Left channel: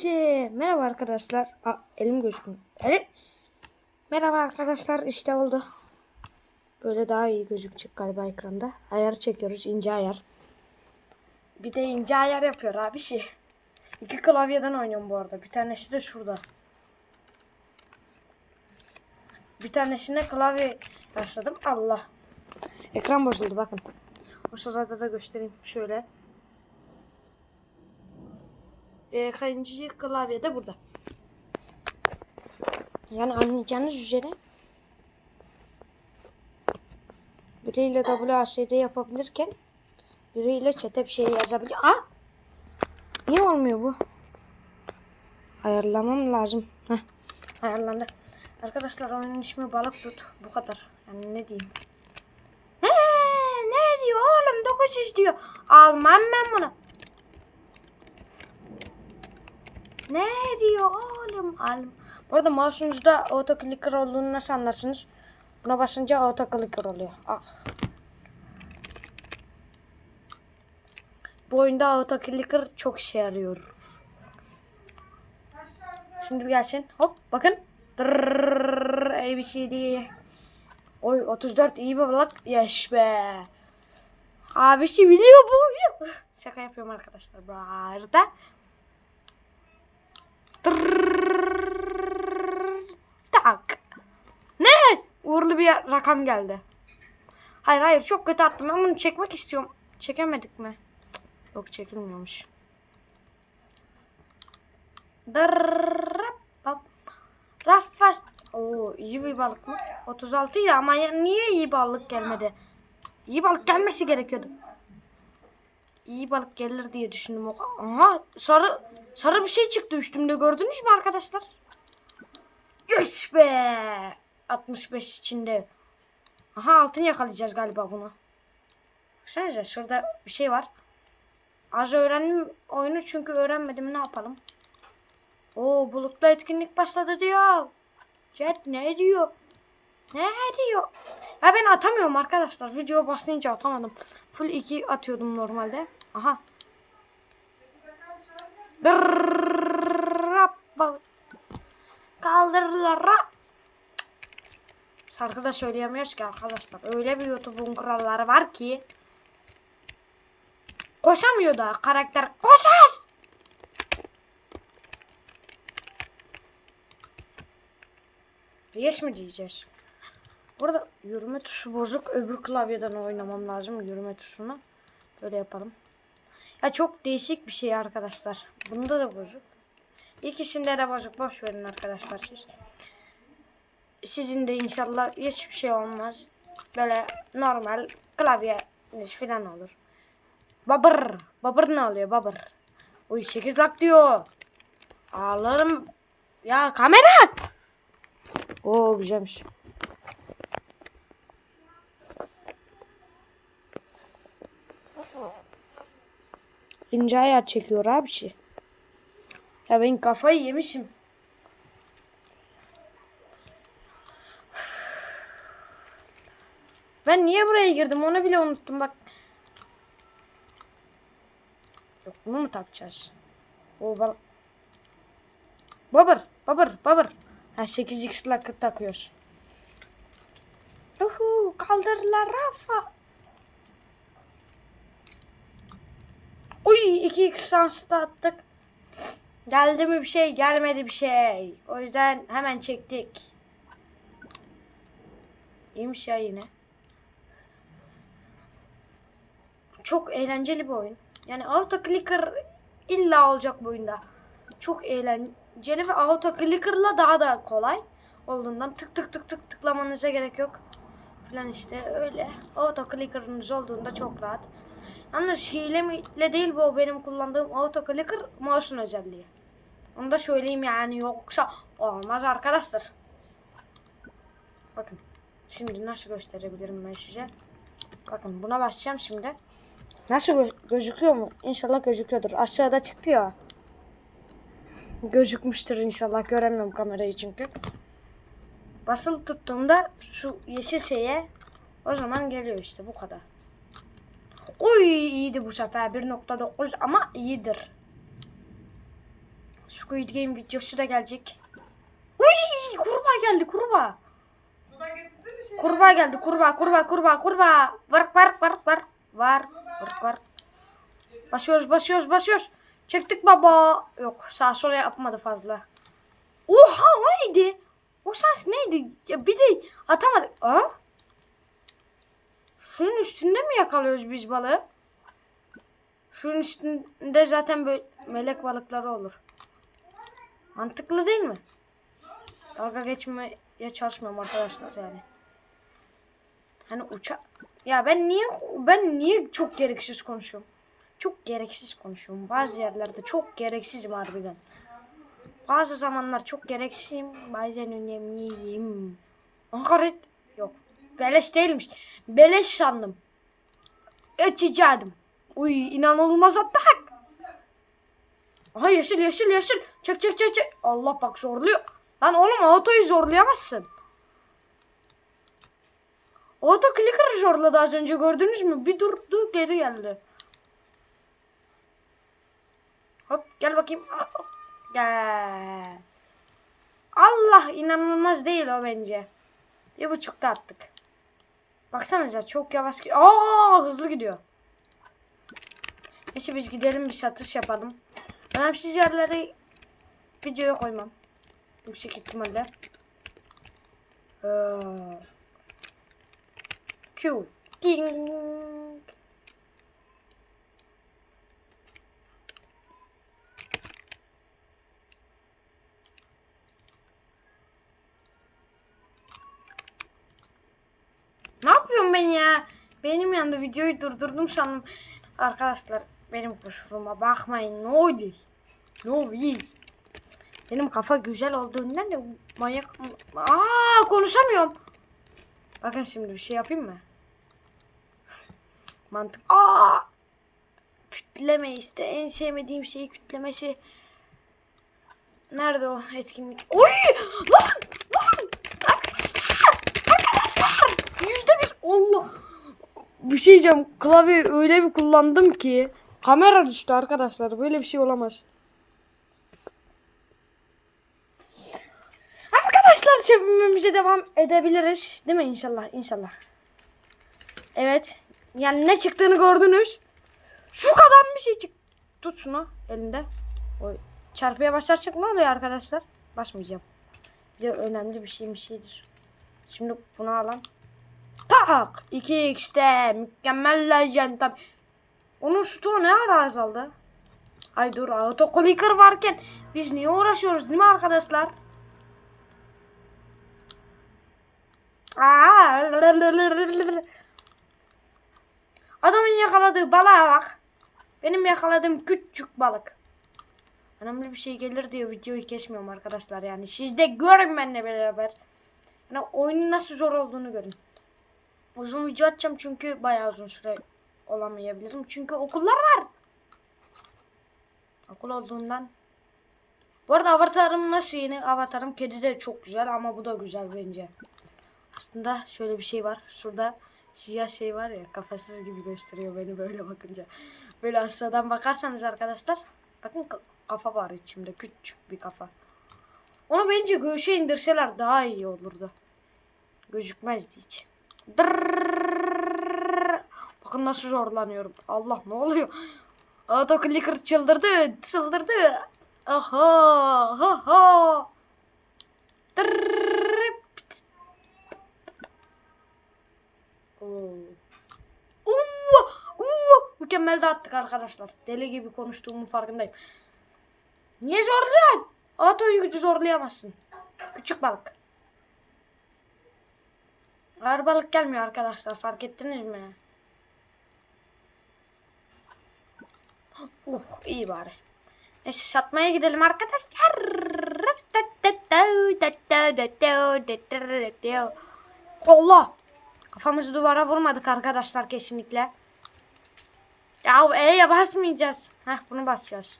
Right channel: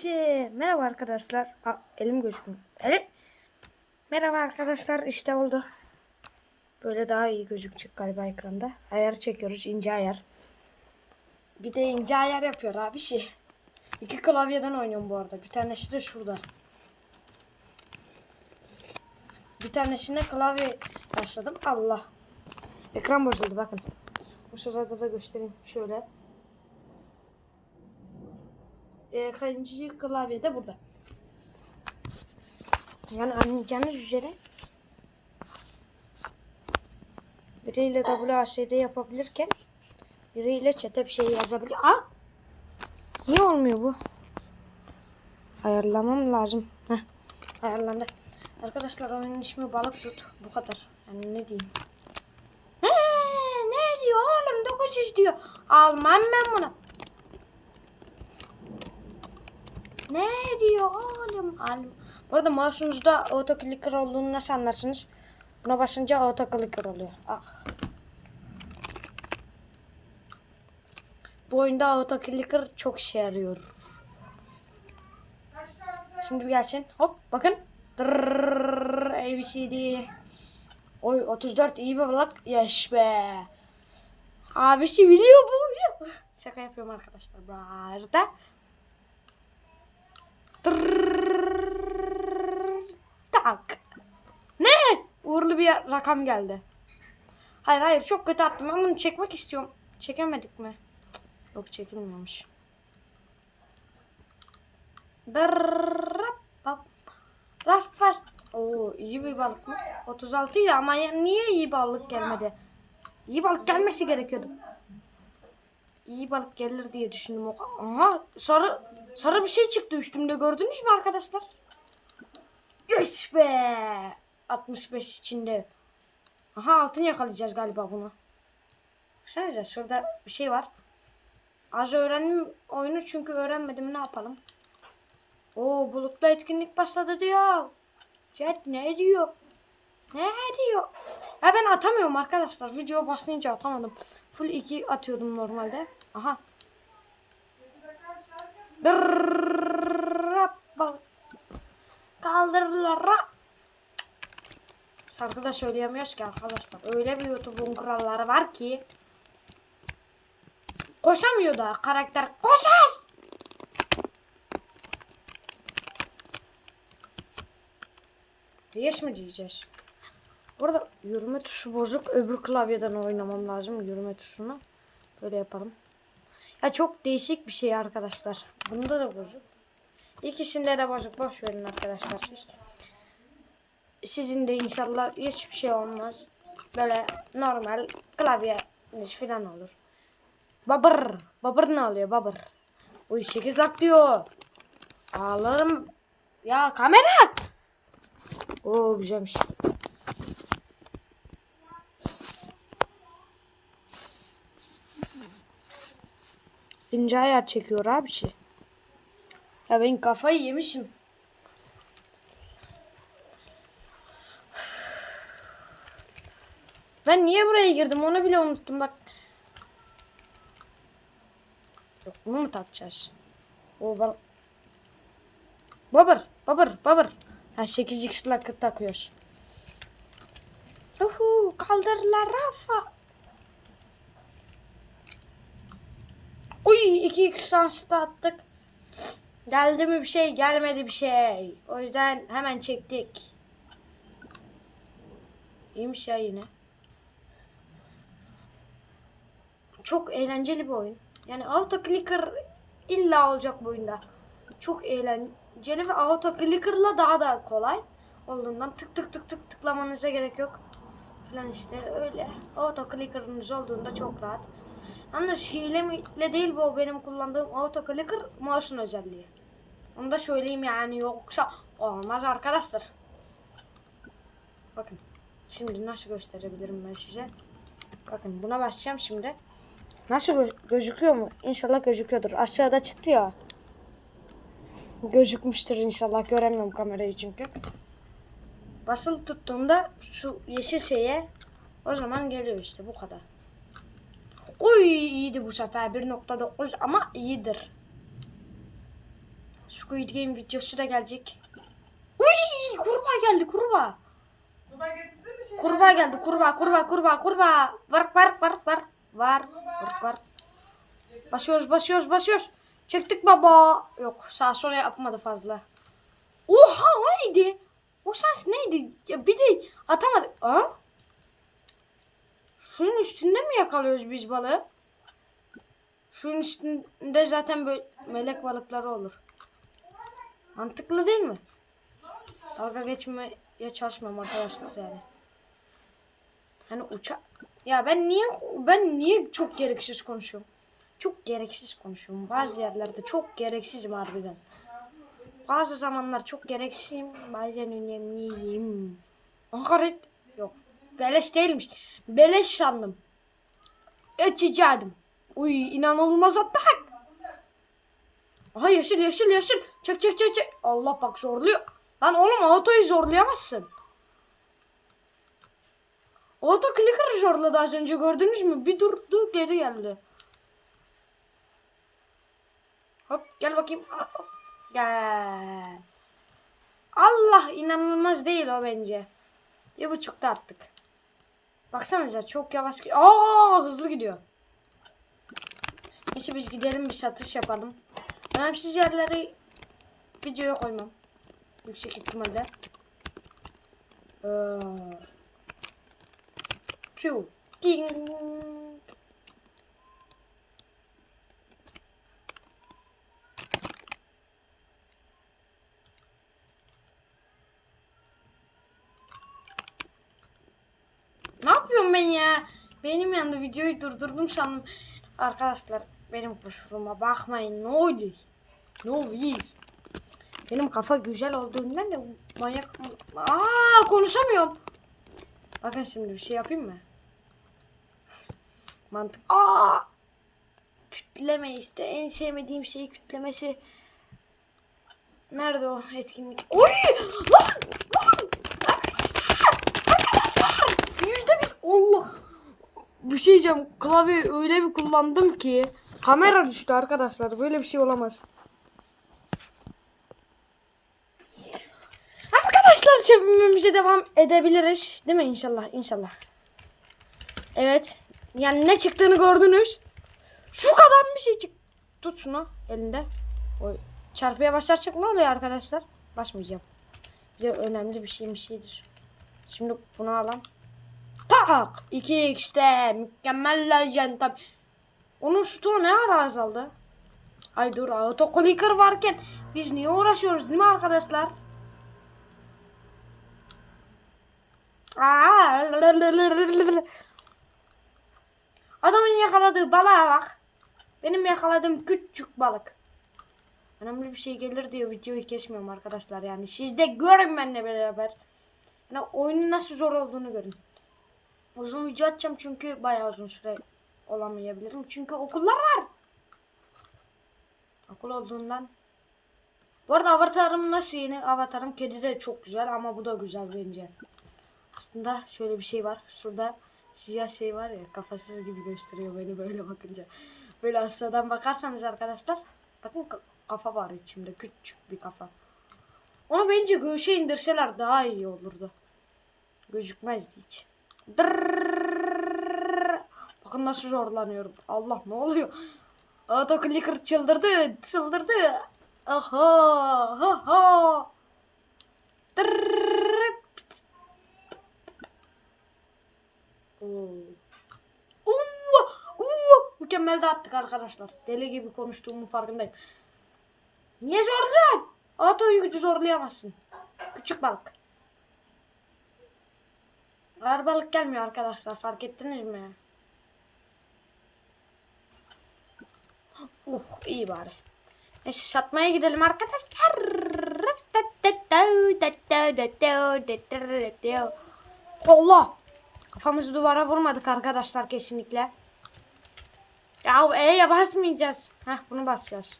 Hepinize merhaba arkadaşlar. Aa, elim gözükmüyor. Evet. Merhaba arkadaşlar işte oldu. Böyle daha iyi gözükecek galiba ekranda. Ayar çekiyoruz ince ayar. Bir de ince ayar yapıyor abi şey. İki klavyeden oynuyorum bu arada. Bir tanesi de şurada. Bir tanesine klavye başladım. Allah. Ekran bozuldu bakın. Bu sırada da göstereyim şöyle. Ee, e, kaçıncı klavye de burada. Yani anlayacağınız üzere biriyle WASD yapabilirken biriyle çete bir şey yazabilir. Aa! Niye olmuyor bu? Ayarlamam lazım. Heh. Ayarlandı. Arkadaşlar oyunun ismi balık tut. Bu kadar. Yani ne diyeyim? Ne? Ne diyor oğlum? 900 diyor. Almam ben bunu. Ne diyor oğlum? Alım. Bu arada mouse'unuzda autoclicker olduğunu nasıl anlarsınız? Buna basınca autoclicker oluyor. Ah. Bu oyunda autoclicker çok işe yarıyor. Şimdi gelsin. Hop bakın. Dırrrr, ABCD. Oy 34 iyi bir blok. Yaş be. Abisi biliyor bu. Şaka yapıyorum arkadaşlar bu arada. tak. Ne? Uğurlu bir rakam geldi. Hayır hayır çok kötü attım. Ben bunu çekmek istiyorum. Çekemedik mi? Cık, yok çekilmiyormuş. Raffas. Oo iyi bir balık mı? 36 idi ama niye iyi balık gelmedi? İyi balık gelmesi gerekiyordu. İyi balık gelir diye düşündüm. Aha sarı sarı bir şey çıktı üstümde gördünüz mü arkadaşlar? Yes be. 65 içinde. Aha altın yakalayacağız galiba bunu. Baksanıza şurada bir şey var. Az öğrendim oyunu çünkü öğrenmedim ne yapalım. Oo bulutlu etkinlik başladı diyor. Jet ne diyor? Ne diyor? Ya ben atamıyorum arkadaşlar. Video basınca atamadım. Full 2 atıyordum normalde. Aha. Bak kaldırılara. Sarkı da söyleyemiyoruz ki arkadaşlar. Öyle bir YouTube'un kuralları var ki. Koşamıyor da karakter. Koşar! Yes mi diyeceğiz? Burada yürüme tuşu bozuk. Öbür klavyeden oynamam lazım yürüme tuşunu. Böyle yapalım. Ya çok değişik bir şey arkadaşlar. Bunda da bozuk. İkisinde de bozuk. Boş verin arkadaşlar siz. Sizin de inşallah hiçbir şey olmaz. Böyle normal klavyeniz falan olur. Babır. Babır ne oluyor babır? Uy 8 lak diyor. Ağlarım. Ya kamera. Oo güzelmiş. İnce ayar çekiyor abi şey. Ya ben kafayı yemişim. Ben niye buraya girdim onu bile unuttum bak. Yok bunu mu takacağız? O bal... Babır, babır, babır. Ha 8x lakı takıyoruz. Uhu, kaldırlar Rafa. Uy 2x şans da attık. Geldi mi bir şey gelmedi bir şey. O yüzden hemen çektik. İyiymiş ya yine. Çok eğlenceli bir oyun. Yani auto clicker illa olacak bu oyunda. Çok eğlenceli ve auto clicker'la daha da kolay olduğundan tık tık tık tık tıklamanıza gerek yok. Falan işte öyle. Auto clicker'ınız olduğunda çok rahat. Yalnız hile miyle değil bu benim kullandığım auto clicker mouse'un özelliği. Onu da söyleyeyim yani yoksa olmaz arkadaşlar. Bakın. Şimdi nasıl gösterebilirim ben size? Bakın buna basacağım şimdi. Nasıl gö- gözüküyor mu? İnşallah gözüküyordur. Aşağıda çıktı ya. Gözükmüştür inşallah. Göremiyorum kamerayı çünkü. Basılı tuttuğumda şu yeşil şeye o zaman geliyor işte bu kadar. Oy iyiydi bu sefer 1.9 ama iyidir. Squid Game videosu da gelecek. Uy kurbağa geldi kurbağa. Kurbağa geldi kurbağa kurbağa kurbağa kurbağa. Var var var var. Var var var. Basıyoruz basıyoruz basıyoruz. Çektik baba. Yok sağ sola yapmadı fazla. Oha o neydi? O ses neydi? Ya bir de atamadı. Aa? Şunun üstünde mi yakalıyoruz biz balığı? Şunun üstünde zaten böyle melek balıkları olur. Mantıklı değil mi? Dalga geçmeye çalışmıyorum arkadaşlar yani. Hani uça ya ben niye ben niye çok gereksiz konuşuyorum? Çok gereksiz konuşuyorum. Bazı yerlerde çok gereksizim harbiden. Bazı zamanlar çok gereksizim. Bazen önemliyim. Hakaret yok. Beleş değilmiş. Beleş sandım. Açacaktım. Uy inanılmaz attık. Aha yeşil yeşil yeşil. Çek çek çek çek. Allah bak zorluyor. Lan oğlum autoyu zorlayamazsın. Auto clicker zorladı az önce gördünüz mü? Bir durdu geri geldi. Hop gel bakayım. Gel. Allah inanılmaz değil o bence. Bir buçukta attık. Baksanıza çok yavaş gidiyor. Aa hızlı gidiyor. Neyse biz gidelim bir satış yapalım. Önemsiz yerleri videoya koymam. Yüksek ihtimalle. Ee, Q. Ding. Ne yapıyorum ben ya? Benim yanında videoyu durdurdum sandım. Arkadaşlar benim kusuruma bakmayın. Ne oluyor? Ne oluyor? Benim kafa güzel olduğundan da manyak... Aa konuşamıyorum. Bakın şimdi bir şey yapayım mı? Mantık. Aa! Kütleme işte. En sevmediğim şey kütlemesi. Nerede o etkinlik? Oy! Lan! Lan! Arkadaşlar! Arkadaşlar! Yüzde bir. Allah! Bir şey diyeceğim. Klavyeyi öyle bir kullandım ki. Kamera düştü arkadaşlar. Böyle bir şey olamaz. Arkadaşlar çevirmemize devam edebiliriz. Değil mi? İnşallah. İnşallah. Evet. Yani ne çıktığını gördünüz. Şu kadar bir şey çık. Tut şunu elinde. Oy. Çarpıya basarsak ne oluyor arkadaşlar? Basmayacağım. Bir de önemli bir şey bir şeydir. Şimdi bunu alalım. Tak! 2x'te mükemmel legend tabi. Onun şutu ne ara azaldı? Ay dur autoclicker varken biz niye uğraşıyoruz değil mi arkadaşlar? Aa, Adamın yakaladığı balığa bak. Benim yakaladığım küçük balık. Önemli bir şey gelir diye videoyu kesmiyorum arkadaşlar yani. Siz de görün benimle beraber. Yani oyunun nasıl zor olduğunu görün. Uzun video atacağım çünkü bayağı uzun süre olamayabilirim. Çünkü okullar var. Okul olduğundan. Bu arada avatarım nasıl yeni avatarım? Kedi de çok güzel ama bu da güzel bence. Aslında şöyle bir şey var. Şurada siyah şey var ya kafasız gibi gösteriyor beni böyle bakınca. Böyle aşağıdan bakarsanız arkadaşlar. Bakın ka- kafa var içimde. Küçük bir kafa. Onu bence göğüşe indirseler daha iyi olurdu. Gözükmezdi hiç. Dırrrr. Bakın nasıl zorlanıyorum. Allah ne oluyor? Autoclicker çıldırdı. Çıldırdı. Aha. Ha ha. Mükemmel de attık arkadaşlar. Deli gibi konuştuğumun farkındayım. Niye zorluyorsun? Autoyu gücü zorlayamazsın. Küçük balık. Ağır balık gelmiyor arkadaşlar. Fark ettiniz mi? Uh iyi bari. Neyse satmaya gidelim arkadaşlar. Allah. Kafamızı duvara vurmadık arkadaşlar kesinlikle. Ya E'ye basmayacağız. Heh bunu basacağız.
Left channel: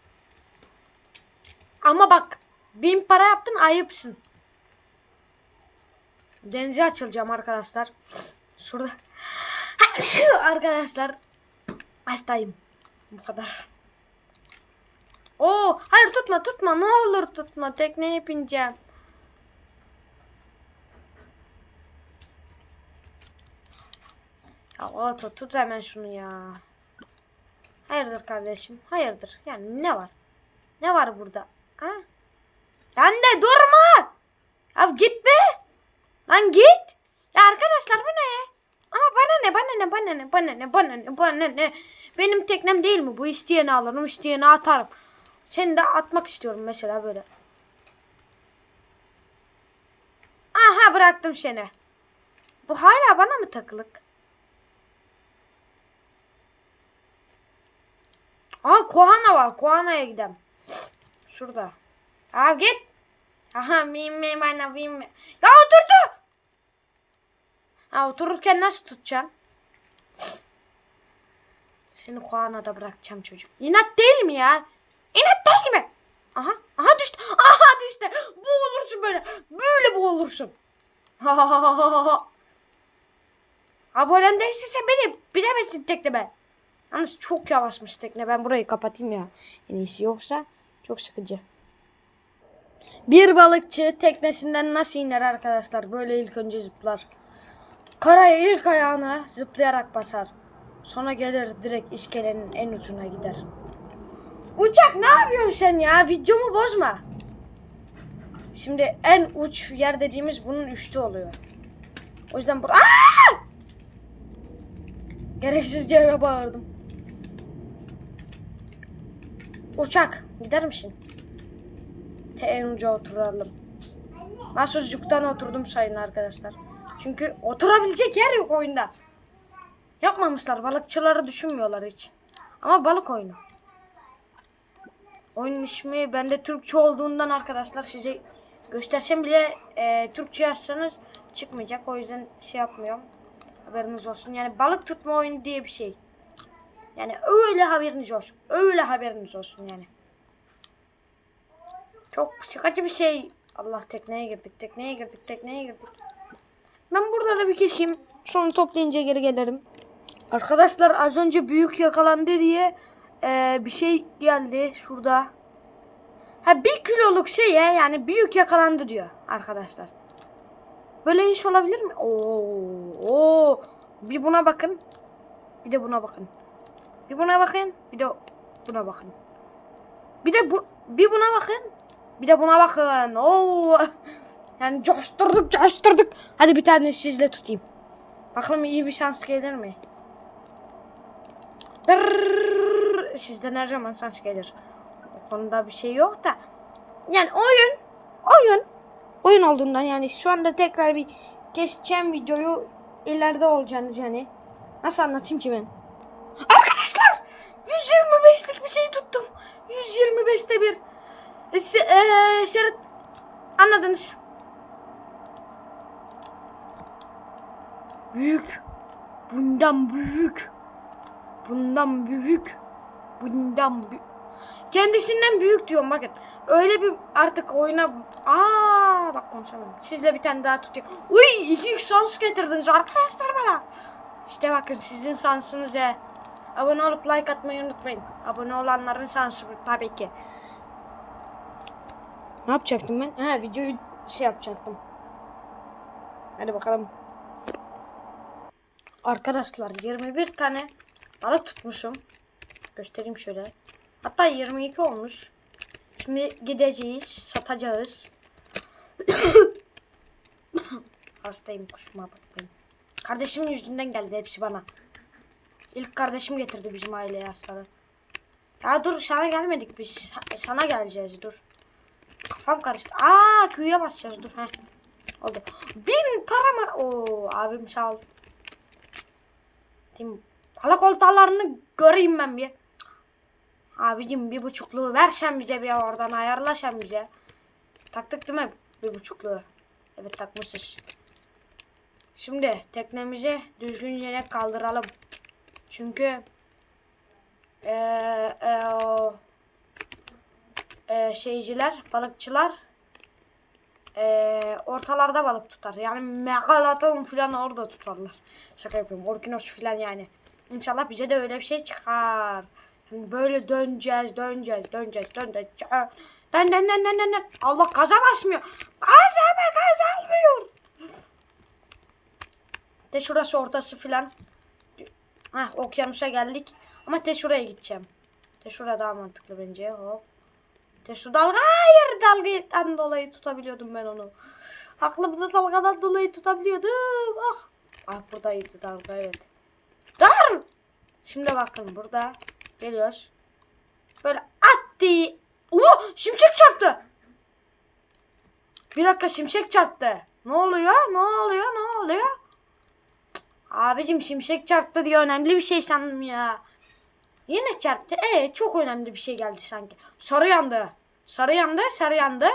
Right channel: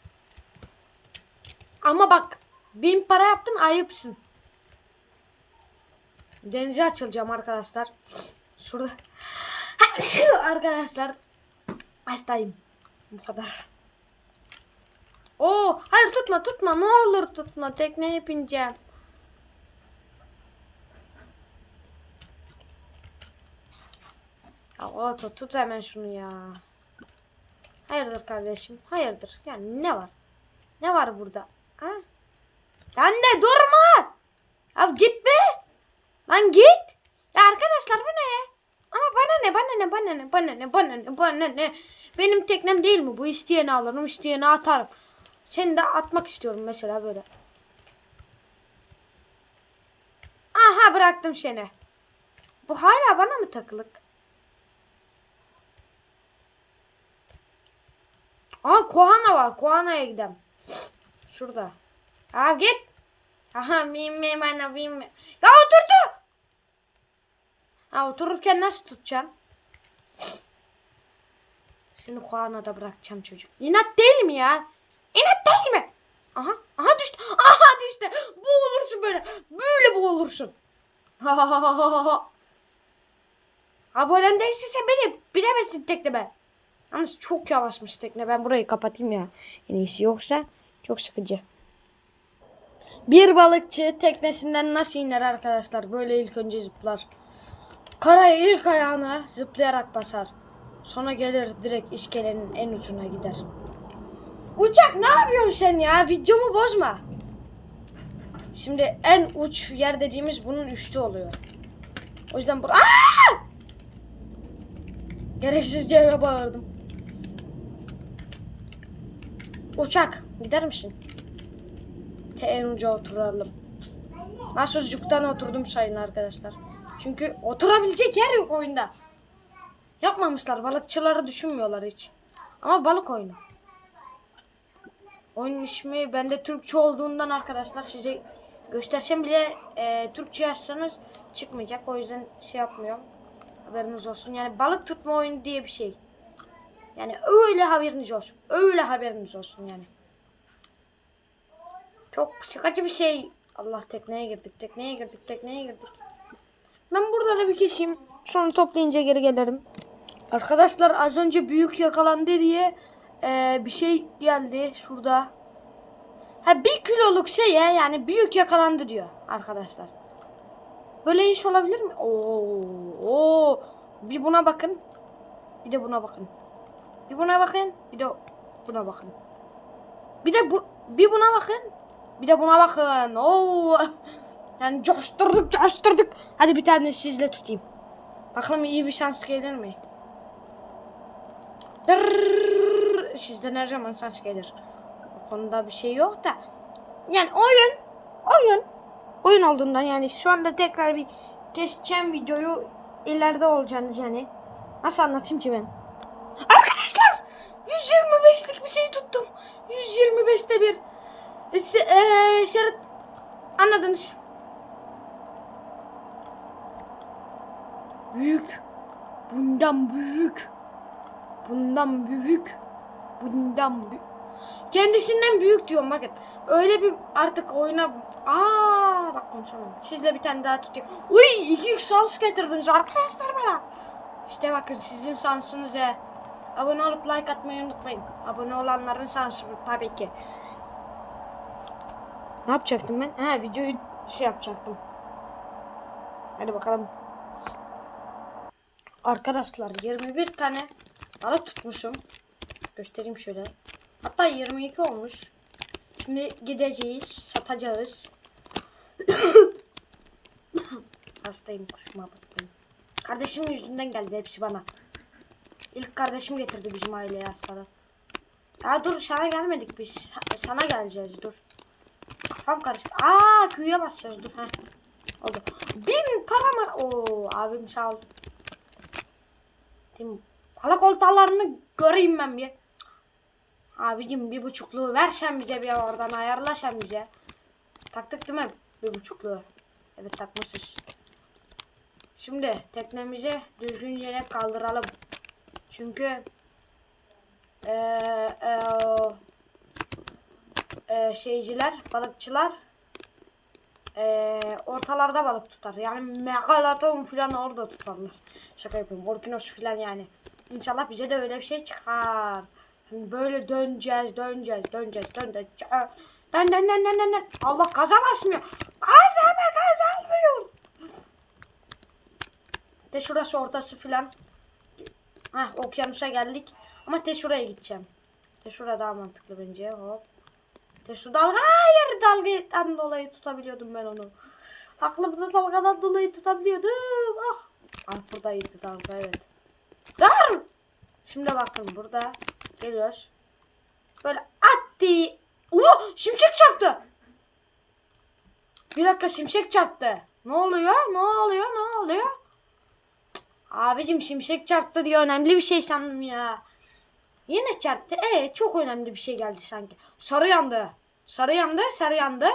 Ama bak bin para yaptın ayıpsın. Denize açılacağım arkadaşlar. Şurada. Arkadaşlar. Hastayım. Bu kadar. Oo, hayır tutma tutma ne olur tutma tekneye bineceğim. Ya Oto tut hemen şunu ya. Hayırdır kardeşim? Hayırdır? Yani ne var? Ne var burada? Ha? Lan de durma! Ya gitme! Lan git! Ya arkadaşlar bu ne? Ama bana ne bana ne bana ne bana ne bana ne bana ne? Benim teknem değil mi? Bu isteyeni alırım isteyeni atarım. Seni de atmak istiyorum mesela böyle. Aha bıraktım seni. Bu hala bana mı takılık? Aa Kohana var. Kohana'ya gidelim. Şurada. Aa git. Aha mim mim ana mim. mim. Ya oturdu. Ha otururken nasıl tutacağım? Seni Kohana'da bırakacağım çocuk. İnat değil mi ya? İnat değil mi? Aha, aha düştü. Aha düştü. Boğulursun böyle. Böyle boğulursun. Ha ha ha ha ha. Abonem değilse beni bilemezsin tekneme. Yalnız çok yavaşmış tekne. Ben burayı kapatayım ya. En iyisi yoksa çok sıkıcı. Bir balıkçı teknesinden nasıl iner arkadaşlar? Böyle ilk önce zıplar. Karaya ilk ayağını zıplayarak basar. Sonra gelir direkt iskelenin en ucuna gider. Uçak ne yapıyorsun sen ya? Videomu bozma. Şimdi en uç yer dediğimiz bunun üstü oluyor. O yüzden bur Aa! Gereksiz yere bağırdım. Uçak gider misin? Te en uca oturalım. Ben sucuktan oturdum sayın arkadaşlar. Çünkü oturabilecek yer yok oyunda. Yapmamışlar. Balıkçıları düşünmüyorlar hiç. Ama balık oyunu. Oyun ismi bende Türkçe olduğundan arkadaşlar size göstersem bile e, Türkçe yazsanız çıkmayacak. O yüzden şey yapmıyorum. Haberiniz olsun. Yani balık tutma oyunu diye bir şey. Yani öyle haberiniz olsun. Öyle haberiniz olsun yani. Çok sıkıcı bir şey. Allah tekneye girdik, tekneye girdik, tekneye girdik. Ben buraları bir keseyim. Sonra toplayınca geri gelirim. Arkadaşlar az önce büyük yakalandı diye eee, bir şey geldi şurada. Ha bir kiloluk şeye yani büyük yakalandı diyor arkadaşlar. Böyle iş olabilir mi? Oo, oo. Bir buna bakın. Bir de buna bakın. Bir buna bakın. Bir de buna bakın. Bir de bu bir buna bakın. Bir de buna bakın. Oo. Yani coşturduk coşturduk. Hadi bir tane sizle tutayım. Bakalım iyi bir şans gelir mi? Dırrrr. Sizden her zaman şans gelir. Bu konuda bir şey yok da. Yani oyun. Oyun. Oyun olduğundan yani şu anda tekrar bir keseceğim videoyu ileride olacaksınız yani. Nasıl anlatayım ki ben? Arkadaşlar 125'lik bir şey tuttum. 125'te bir. E, se, e, şerit anladınız. Büyük. Bundan büyük. Bundan büyük. Bundan büyük. Kendisinden büyük diyorum bakın. Öyle bir artık oyuna... Aa bak konuşamam. Sizle bir tane daha tutayım. Uy iki şans getirdiniz arkadaşlar bana. İşte bakın sizin şansınız ya. Abone olup like atmayı unutmayın. Abone olanların şansı bu tabii ki. Ne yapacaktım ben? Ha videoyu şey yapacaktım. Hadi bakalım. Arkadaşlar 21 tane balık tutmuşum. Göstereyim şöyle. Hatta 22 olmuş. Şimdi gideceğiz, satacağız. Hastayım kuşuma bakmayın. Kardeşimin yüzünden geldi hepsi bana. İlk kardeşim getirdi bizim aileye hastalığı. Ya dur sana gelmedik biz. Sana geleceğiz dur. Kafam karıştı. Aa Q'ya basacağız dur. Heh. Oldu. Bin para mı? Oo abim sağ ol. Tim Balık oltalarını göreyim ben bir. Abicim bir buçukluğu versen bize bir oradan ayarla sen bize. Taktık değil mi bir buçukluğu? Evet takmışız. Şimdi teknemizi düzgün yere kaldıralım. Çünkü eee eee, eee, şeyciler, balıkçılar eee, ortalarda balık tutar. Yani megalaton falan orada tutarlar. Şaka yapıyorum. Orkinos falan yani. İnşallah bize de öyle bir şey çıkar. Şimdi böyle döneceğiz, döneceğiz, döneceğiz, döneceğiz. Dön, dön, dön, dön, dön. Allah gaza basmıyor. Gaz abi, gaz almıyor. De şurası ortası filan. Hah okyanusa geldik. Ama te şuraya gideceğim. Te şura daha mantıklı bence. Hop. Te şu dalga. Hayır dalgadan dolayı tutabiliyordum ben onu. Aklımda dalgadan dolayı tutabiliyordum. Ah. Ah buradaydı dalga evet. Dur. Şimdi bakın burada geliyoruz. Böyle attı. Oo şimşek çarptı. Bir dakika şimşek çarptı. Ne oluyor? Ne oluyor? Ne oluyor? Abicim şimşek çarptı diye önemli bir şey sandım ya. Yine çarptı. Evet çok önemli bir şey geldi sanki. Sarı yandı. Sarı yandı. Sarı yandı.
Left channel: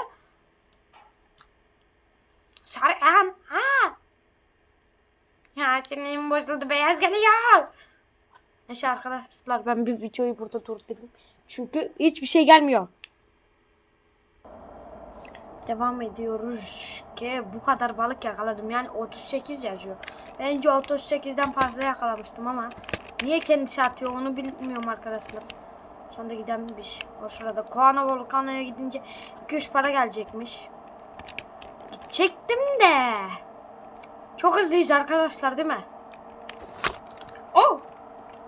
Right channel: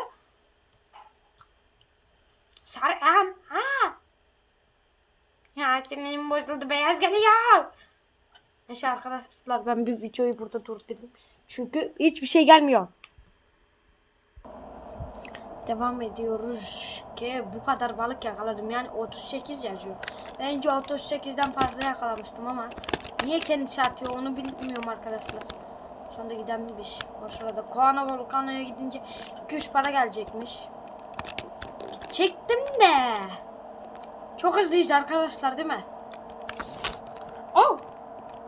Sarı yan. Ha. Ya sinirim bozuldu. Beyaz geliyor. Neyse arkadaşlar ben bir videoyu burada durdurayım. Çünkü hiçbir şey gelmiyor. Devam ediyoruz ki bu kadar balık yakaladım. Yani 38 yazıyor. Bence 38'den fazla yakalamıştım ama niye kendisi atıyor onu bilmiyorum arkadaşlar. Şu anda gidenmiş. O sırada Koana Volcano'ya gidince 2-3 para gelecekmiş. Çektim de. Çok hızlıyız arkadaşlar değil mi?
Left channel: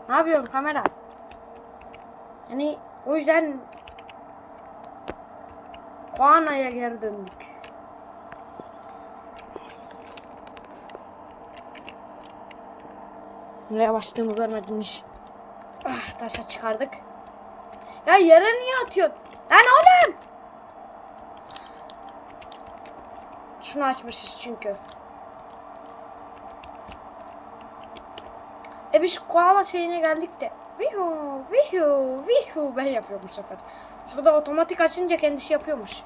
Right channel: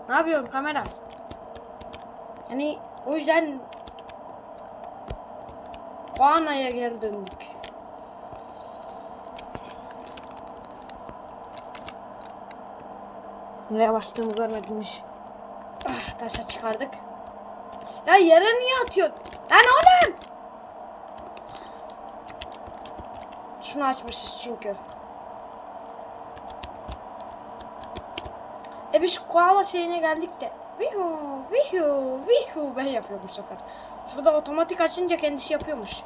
Ne yapıyorum kamera? Yani o yüzden Koana'ya geri döndük. Nereye bastığımı görmediniz. Ah, taşa çıkardık. Ya yere niye atıyor? Lan oğlum! Şunu açmışız çünkü. E biz koala şeyine geldik de. Vihu, vihu, vihu ben yapıyorum bu sefer. Şurada otomatik açınca kendisi yapıyormuş.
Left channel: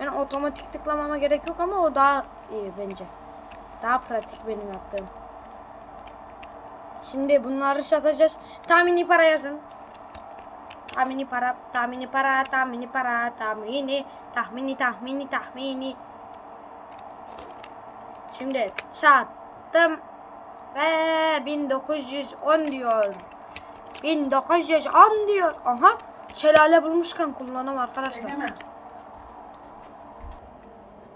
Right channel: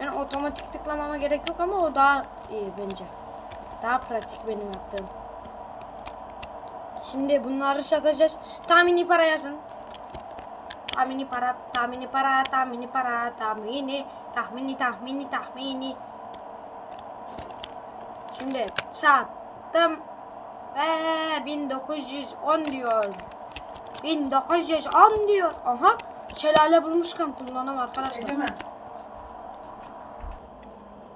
Ben otomatik tıklamama gerek yok ama o daha iyi bence. Daha pratik benim yaptığım. Şimdi bunları satacağız. Tahmini para yazın. Tahmini para, tahmini para, tahmini para, tahmini, tahmini, tahmini, tahmini. Şimdi sattım ve 1910 diyor. 1910 diyor. Aha şelale bulmuşken kullanım arkadaşlar. Hemen.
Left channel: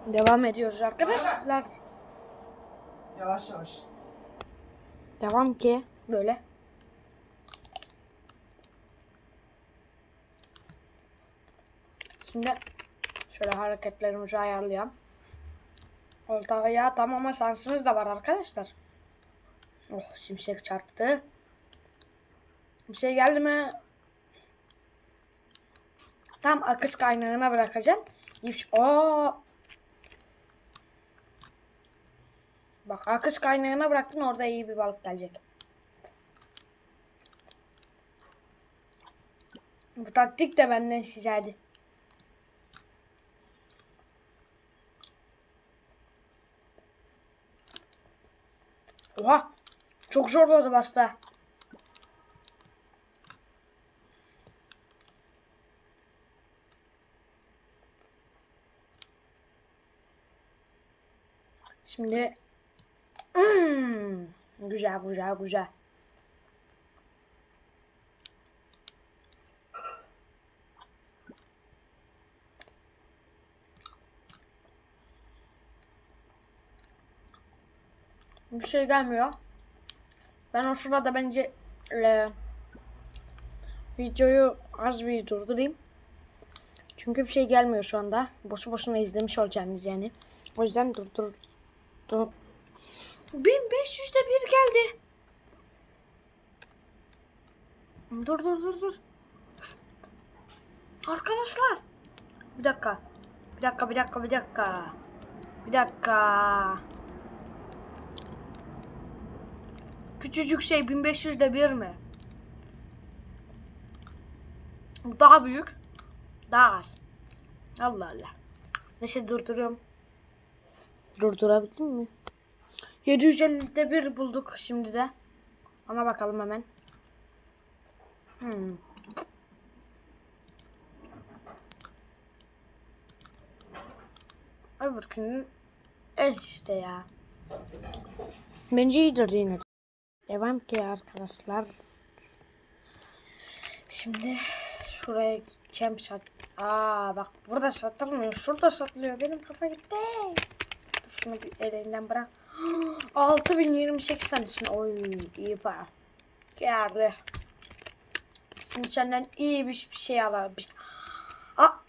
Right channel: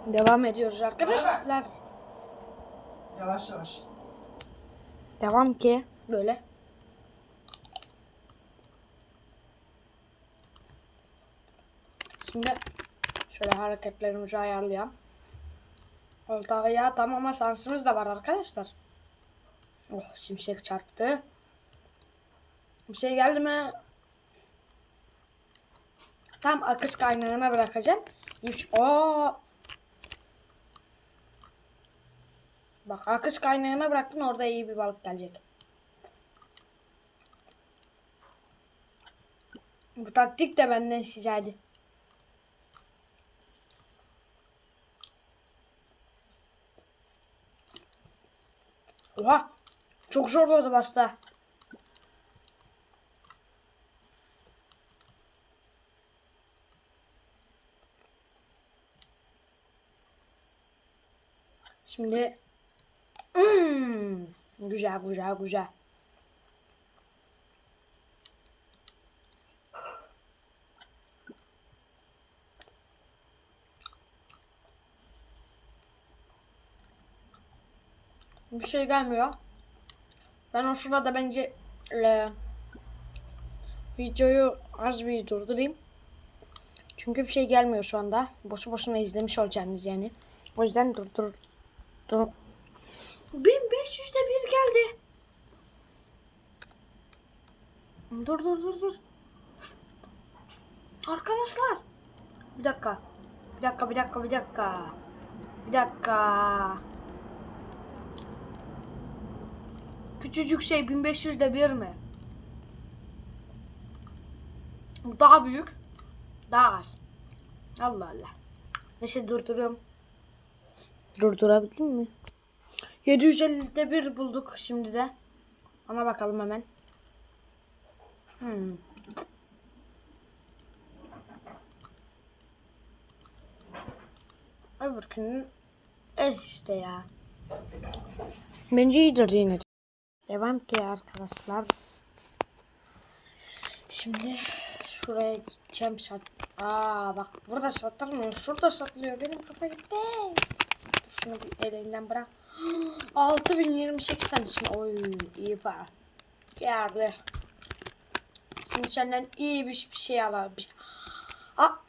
Devam ediyoruz arkadaşlar. Yavaş yavaş. Devam ki böyle. Şimdi şöyle hareketlerimizi ayarlayalım. Olta ayağı tam ama şansımız da var arkadaşlar. Oh şimşek çarptı. Bir şey geldi mi? Tam akış kaynağına bırakacağım. Oo. Bak akış kaynağına bıraktın orada iyi bir balık gelecek. Bu taktik de benden size hadi. Oha! Çok zor oldu başta. Şimdi Hmm, güzel güzel güzel. Bir şey gelmiyor. Ben o sırada bence e, videoyu az bir durdurayım. Çünkü bir şey gelmiyor şu anda. Boşu boşuna izlemiş olacaksınız yani. O yüzden durdur. Dur. 1500'de bir geldi. Dur dur dur dur. Arkadaşlar. Bir dakika. Bir dakika bir dakika bir dakika. Bir dakika. Küçücük şey 1500'de bir mi? Daha büyük. Daha az. Allah Allah. Neyse durduruyorum. Durdurabildim mi? 750'de bir bulduk şimdi de. Ona bakalım hemen. Hmm. Öbürkünün eh işte ya. Bence iyidir yine. de. Devam ki arkadaşlar. Şimdi şuraya gideceğim sat. Aa bak burada satılmıyor. Şurada satılıyor. Benim kafa gitti. Dur şunu bir elinden bırak. 6028 tanesini. Oy iyi para. Geldi. Şimdi senden iyi bir bir şey alalım. Aa.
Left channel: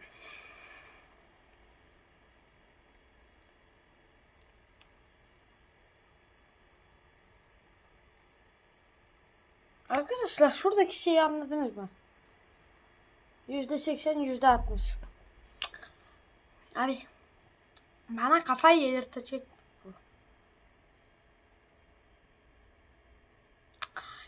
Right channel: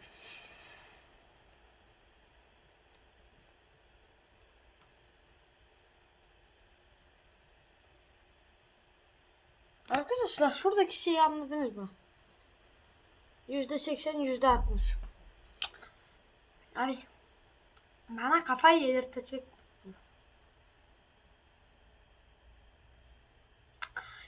Arkadaşlar şuradaki şeyi anladınız mı? Yüzde seksen, yüzde altmış. Abi bana kafayı yedirtecek.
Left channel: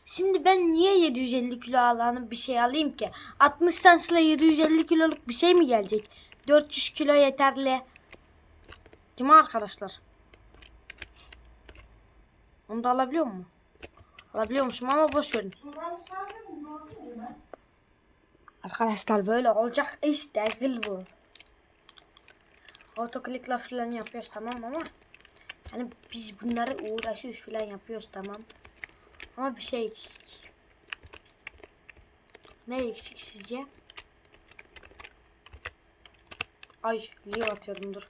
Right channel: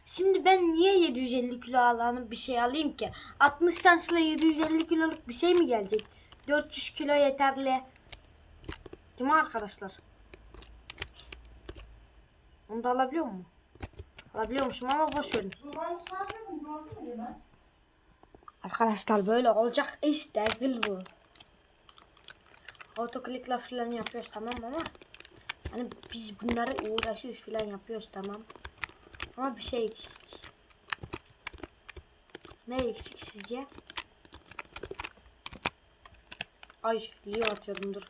Şimdi ben niye 750 kilo alanı bir şey alayım ki? 60 sansla 750 kiloluk bir şey mi gelecek? 400 kilo yeterli. Değil mi arkadaşlar? Onu da alabiliyor mu? Alabiliyormuşum ama boş verin. Arkadaşlar böyle olacak iş değil bu. Otoklikle falan yapıyoruz tamam ama yani biz bunları uğraşıyoruz falan yapıyoruz tamam. Ama bir şey eksik. Ne eksik sizce? Ay Leo atıyordum dur.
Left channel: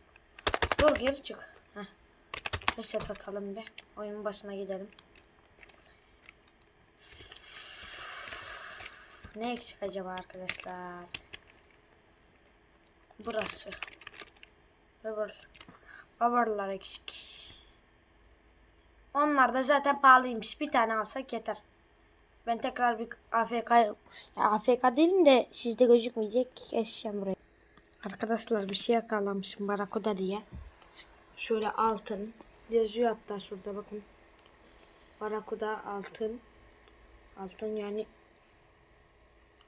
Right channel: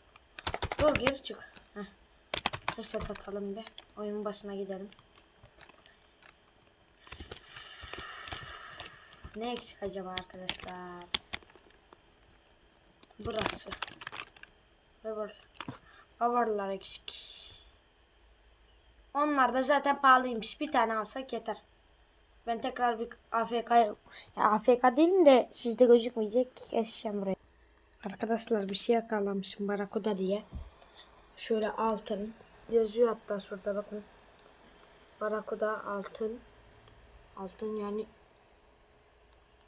Dur geri çık. Heh. Reset atalım bir. Oyunun başına gidelim. Ne eksik acaba arkadaşlar? Burası. Bubble. Bubble'lar eksik. Onlar da zaten pahalıymış. Bir tane alsak yeter. Ben tekrar bir AFK ya AFK değilim de sizde gözükmeyecek. Geçeceğim buraya. Arkadaşlar bir şey yakalamışım Barakuda diye. Şöyle altın. Yazıyor hatta şurada bakın. Barakuda altın. Altın yani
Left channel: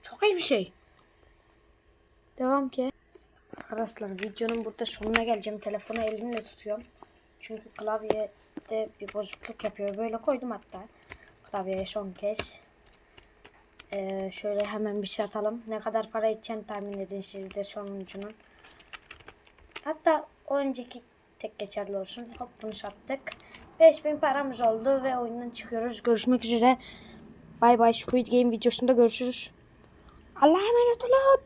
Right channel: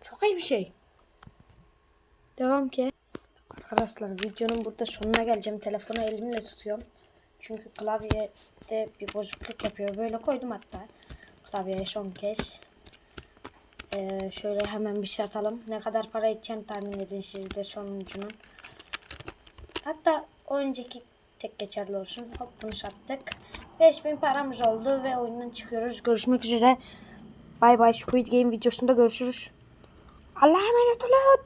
çok iyi bir şey. Devam ki. Arkadaşlar videonun burada sonuna geleceğim. Telefonu elimle tutuyorum. Çünkü klavyede bir bozukluk yapıyor. Böyle koydum hatta. Klavyeye son kez. Ee, şöyle hemen bir şey atalım. Ne kadar para edeceğini tahmin edin siz de sonucunun. Hatta önceki tek geçerli olsun. Hop bunu sattık. 5000 paramız oldu ve oyundan çıkıyoruz. Görüşmek üzere. Bay bay Squid Game videosunda görüşürüz. على عملة لوط